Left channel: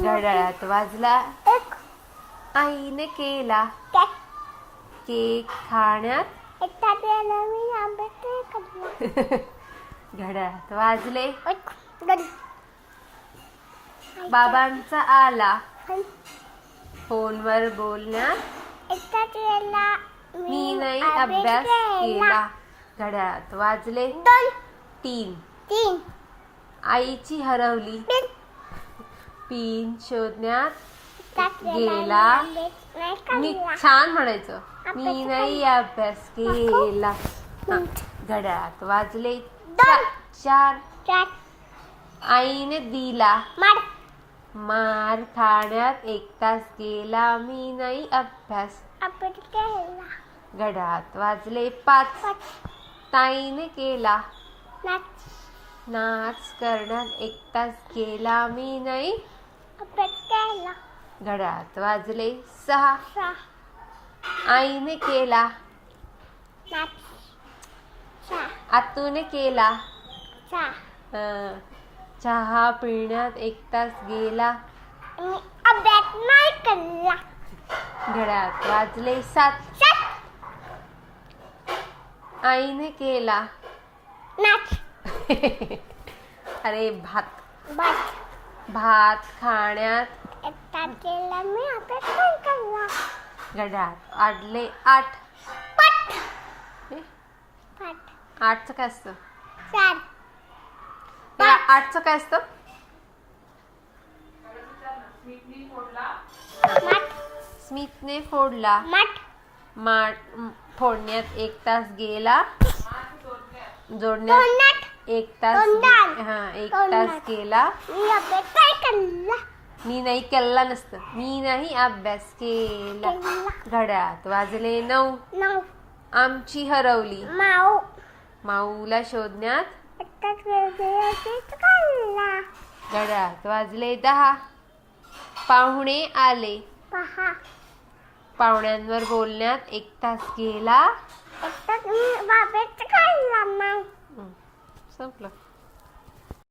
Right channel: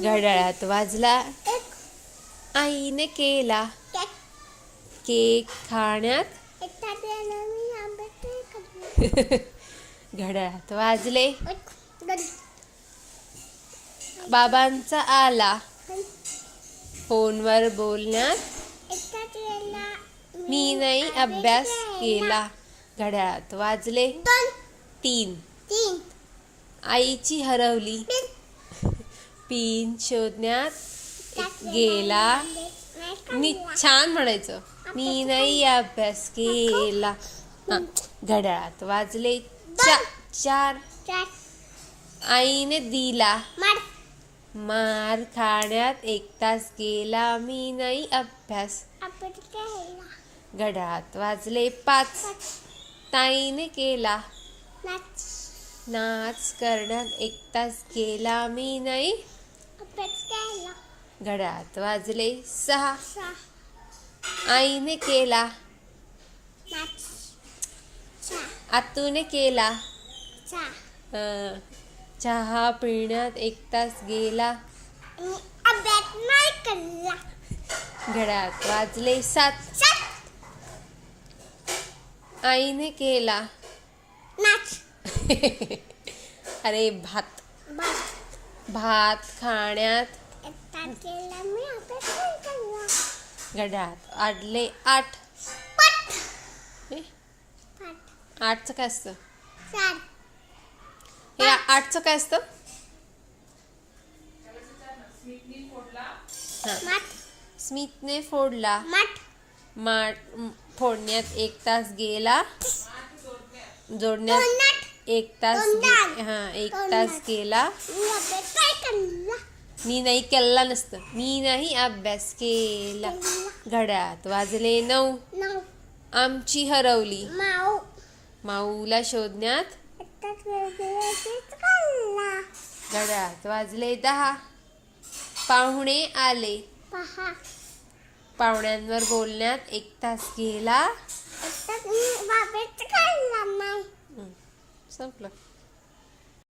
घड्याळात वाजला एक आईने केला केक केक खाण्यात एकटा दिला मी अभ्यास करला घड्याळात वाजले एक दोन बाबांचा आला फोनवर बोलण्यात एकटा दिला मी नाही अभ्यास केला घड्याळात वाजले दोन 3 तीन आईची हरवली तीन पिन शोधण्यात एकटा गेला नाही मी करला छान म्हणायचं मी नाही अभ्यास केला हा, घड्याळात वाजले 4 चार आईने दिला मार मार खाण्यात 1 तास गेला मी नाही अभ्यास अभ्यास केला घड्याळात वाजले 5 ताईने केला नाच नाच करण्यात 1 तास गेला मी नाही अभ्यास केला घड्याळात वाजले 6 सहा आईने केला नाच सहा आतूने केला सहा चहा पिण्यात 1 तास गेला मी अभ्यास नाही केला घड्याळात वाजले 7 सात आईने केला नाच अरे भात बस खाण्यात एकटा केला मी अभ्यास नाही केला घड्याळात वाजले 8 पट हे, पट 8चं काय असतं चार हे 8चं काय असतं मट स्मितने फोडला मट माठ फोडण्यात 1 तास गेला जोडण्यात तोंडात 1 तास तोंडात. हा 1 तास गेला मी अभ्यास नाही केला मी नाही केला नसतं मी नाही अभ्यास केला घड्याळात वाजले 9 नऊ आमची हरवली माऊ माऊला शोधण्यात एकटाच अभ्यास केला घड्याळात वाजले 10 पाहुणे आले पहा पाहुण्यांवर बोलण्यात 1 तास गेला एकटाच मी अभ्यास केला नाही संपलं